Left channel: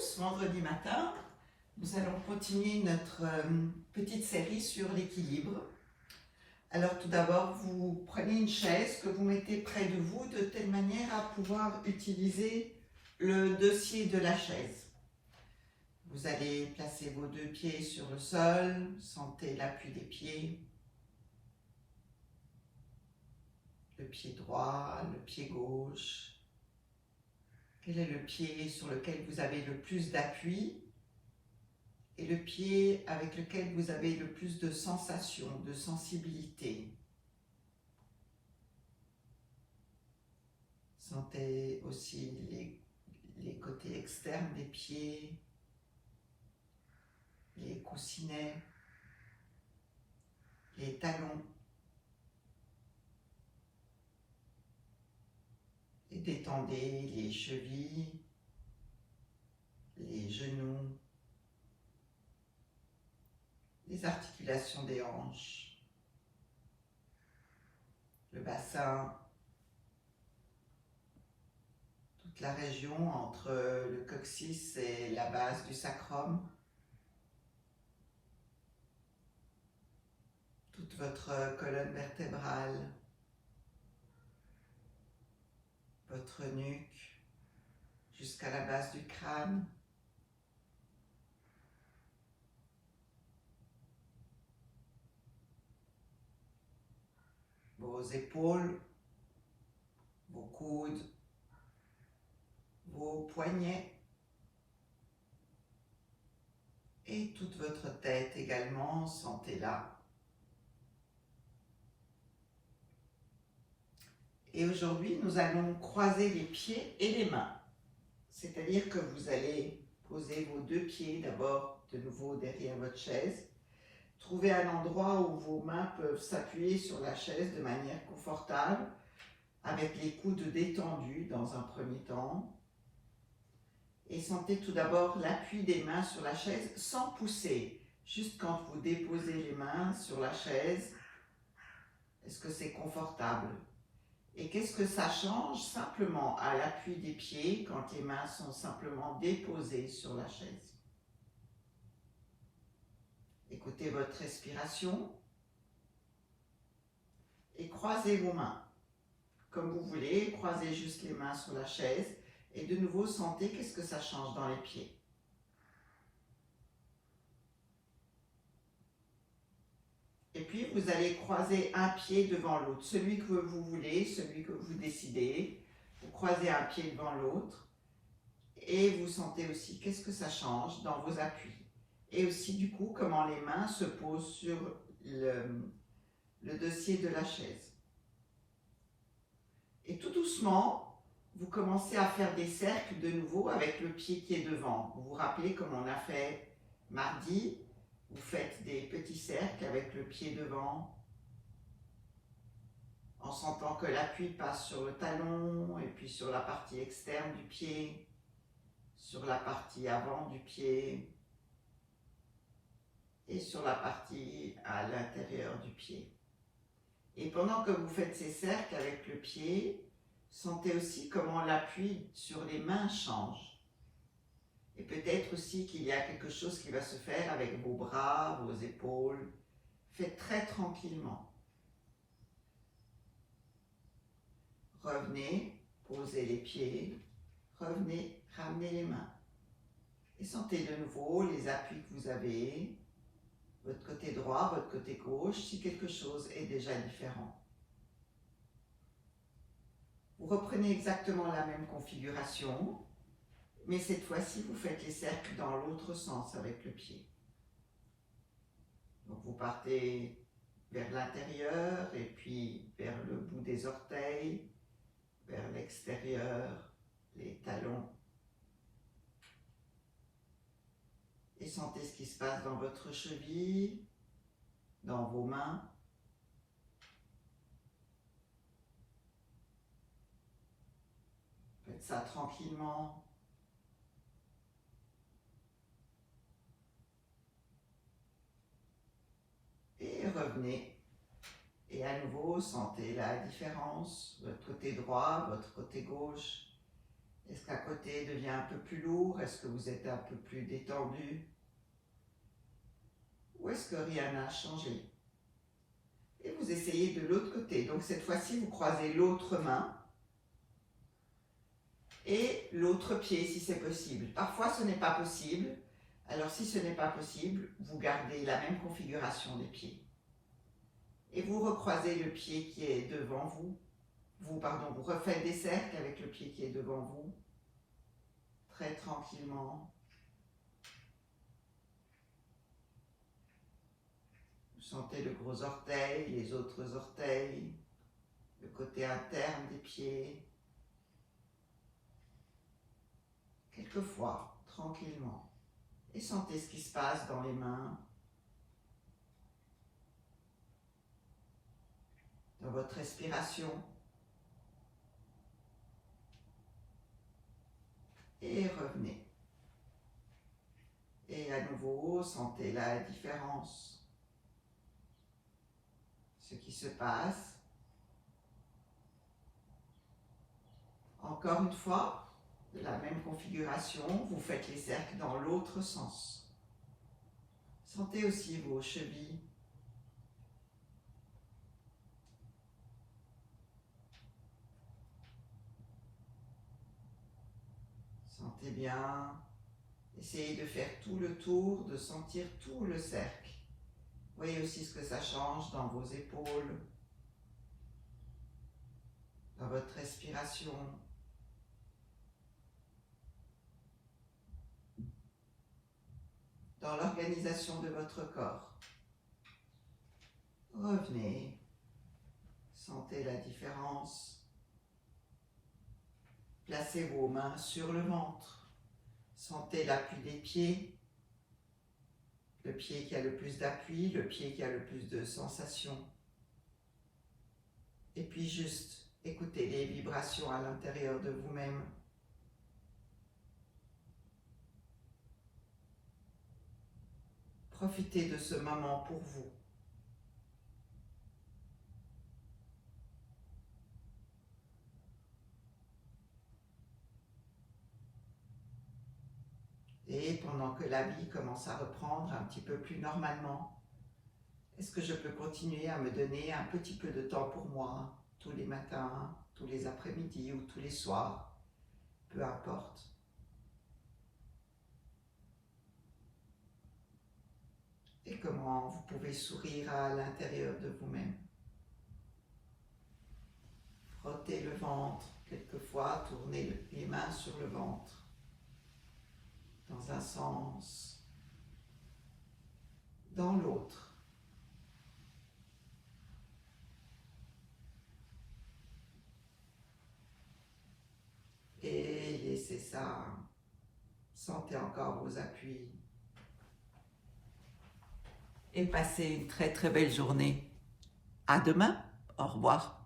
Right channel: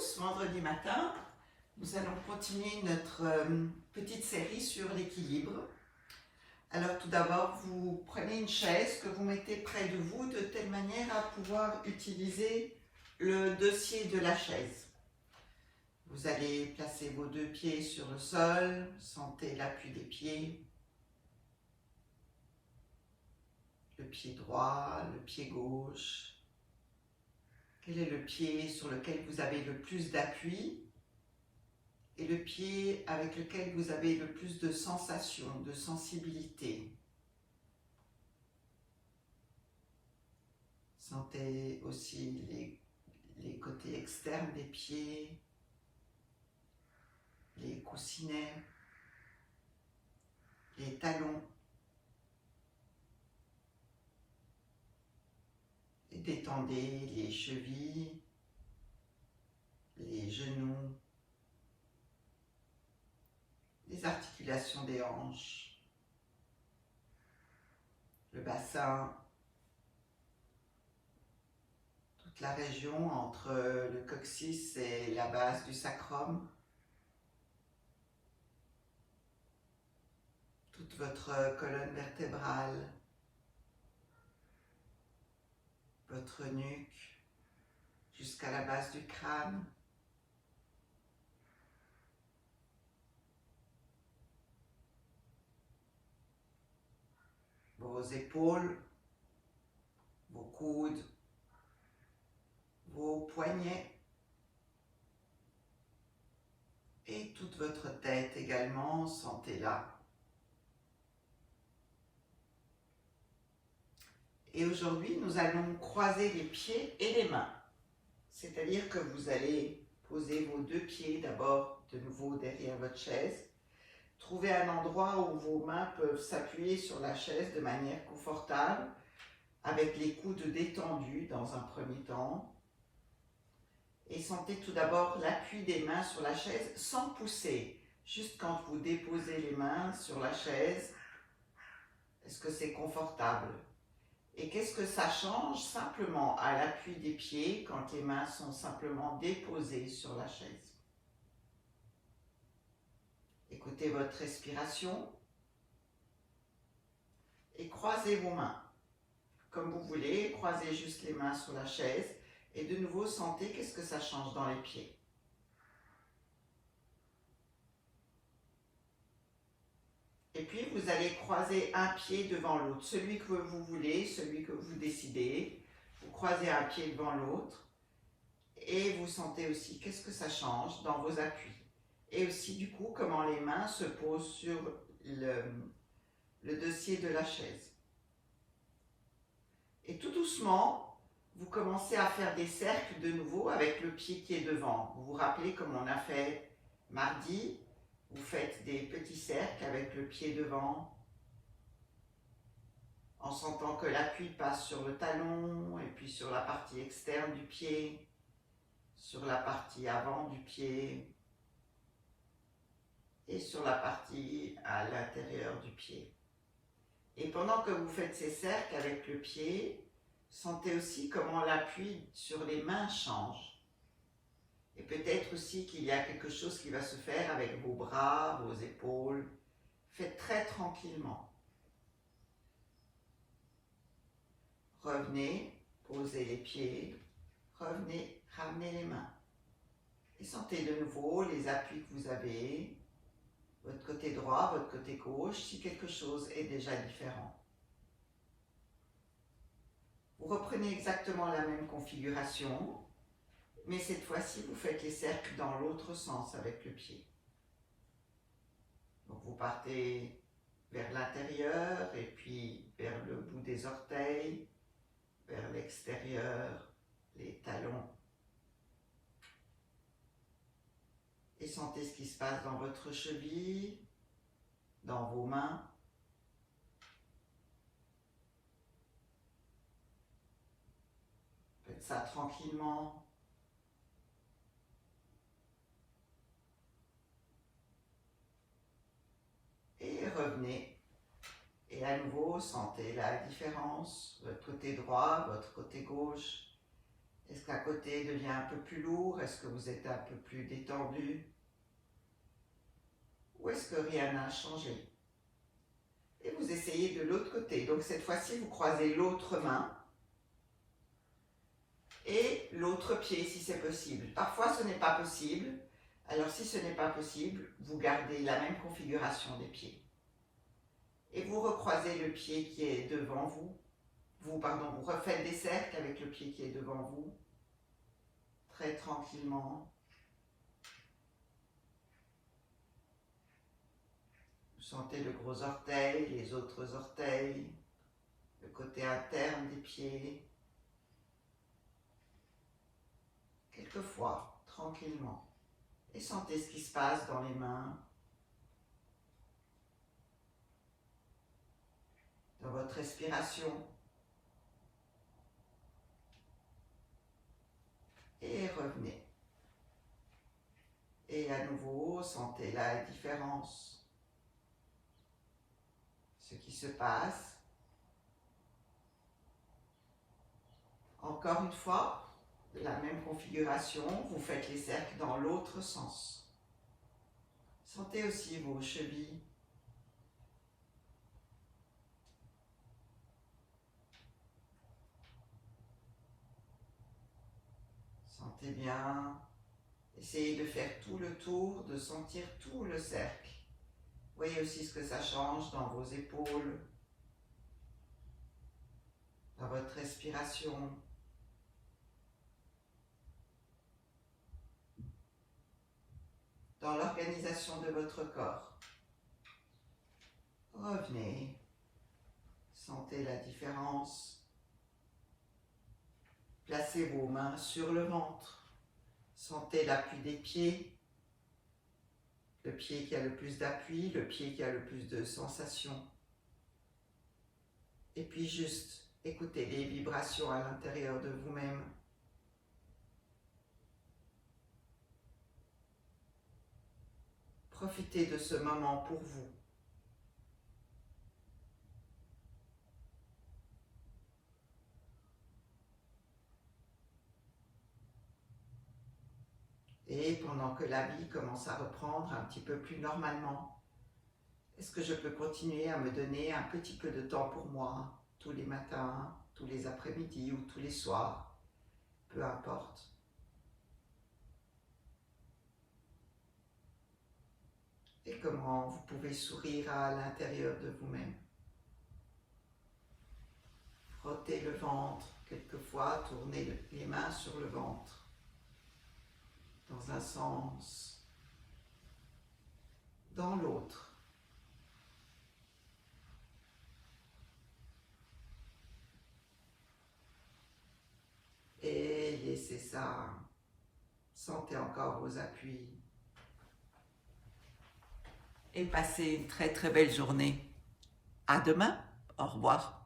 tous, vendredi matin, nous allons continuer notre petite série sur l'équilibre. Alors tout d'abord, vous prenez une chaise que vous mettez près de vous de telle manière à pouvoir utiliser le dossier de la chaise. Vous allez placer vos deux pieds sur le sol, sentez l'appui des pieds, le pied droit, le pied gauche. Quel est le pied sur lequel vous avez le plus d'appui et le pied avec lequel vous avez le plus de sensation, de sensibilité. Sentez aussi les côtés externes des pieds, les coussinets, les talons. Et détendez les chevilles, les genoux, les articulations des hanches, le bassin, toute la région entre le coccyx et la base du sacrum, toute votre colonne vertébrale, votre nuque jusqu'à la base du crâne. Vos épaules, vos coudes, vos poignets et toute votre tête également, sentez-la. Et aujourd'hui, nous allons croiser les pieds et les mains. C'est-à-dire que vous allez poser vos deux pieds d'abord de nouveau derrière votre chaise. Trouvez un endroit où vos mains peuvent s'appuyer sur la chaise de manière confortable, avec les coudes détendus dans un premier temps. Et sentez tout d'abord l'appui des mains sur la chaise sans pousser. Juste quand vous déposez les mains sur la chaise, est-ce que c'est confortable? Et qu'est-ce que ça change simplement à l'appui des pieds quand les mains sont simplement déposées sur la chaise? Écoutez votre respiration et croisez vos mains. Comme vous voulez, croisez juste les mains sur la chaise et de nouveau sentez qu'est-ce que ça change dans les pieds. Et puis vous allez croiser un pied devant l'autre, celui que vous voulez, celui que vous décidez. Vous croisez un pied devant l'autre et vous sentez aussi qu'est-ce que ça change dans vos appuis. Et aussi du coup comment les mains se posent sur le dossier de la chaise. Et tout doucement, vous commencez à faire des cercles de nouveau avec le pied qui est devant. Vous vous rappelez comme on a fait mardi, vous faites des petits cercles avec le pied devant, en sentant que l'appui passe sur le talon et puis sur la partie externe du pied, sur la partie avant du pied et sur la partie à l'intérieur du pied. Et pendant que vous faites ces cercles avec le pied, sentez aussi comment l'appui sur les mains change. Et peut-être aussi qu'il y a quelque chose qui va se faire avec vos bras, vos épaules. Faites très tranquillement. Revenez, posez les pieds, revenez, ramenez les mains. Et sentez de nouveau les appuis que vous avez, votre côté droit, votre côté gauche, si quelque chose est déjà différent. Vous reprenez exactement la même configuration, mais cette fois-ci, vous faites les cercles dans l'autre sens avec le pied. Donc vous partez vers l'intérieur et puis vers le bout des orteils, vers l'extérieur, les talons. Et sentez ce qui se passe dans votre cheville, dans vos mains. Faites ça tranquillement. Et revenez. Et à nouveau, sentez la différence, votre côté droit, votre côté gauche. Est-ce qu'à côté devient un peu plus lourd? Est-ce que vous êtes un peu plus détendu? Ou est-ce que rien n'a changé? Et vous essayez de l'autre côté. Donc cette fois-ci, vous croisez l'autre main et l'autre pied si c'est possible. Parfois, ce n'est pas possible. Alors si ce n'est pas possible, vous gardez la même configuration des pieds. Et vous recroisez le pied qui est devant vous. Vous refaites des cercles avec le pied qui est devant vous. Très tranquillement. Vous sentez le gros orteil, les autres orteils, le côté interne des pieds. Quelquefois, tranquillement. Et sentez ce qui se passe dans les mains, dans votre respiration. Et revenez. Et à nouveau, sentez la différence. Ce qui se passe. Encore une fois, de la même configuration, vous faites les cercles dans l'autre sens. Sentez aussi vos chevilles. Sentez bien. Essayez de faire tout le tour, de sentir tout le cercle. Voyez aussi ce que ça change dans vos épaules, dans votre respiration. Dans l'organisation de votre corps. Revenez, sentez la différence. Placez vos mains sur le ventre. Sentez l'appui des pieds. Le pied qui a le plus d'appui, le pied qui a le plus de sensations. Et puis juste écoutez les vibrations à l'intérieur de vous-même. Profitez de ce moment pour vous. Et pendant que la vie commence à reprendre un petit peu plus normalement, est-ce que je peux continuer à me donner un petit peu de temps pour moi, tous les matins, tous les après-midi ou tous les soirs, peu importe. Et comment vous pouvez sourire à l'intérieur de vous-même. Frottez le ventre, quelquefois tournez les mains sur le ventre, dans un sens, dans l'autre. Et laissez ça, sentez encore vos appuis. Et passez une très très belle journée. À demain, au revoir.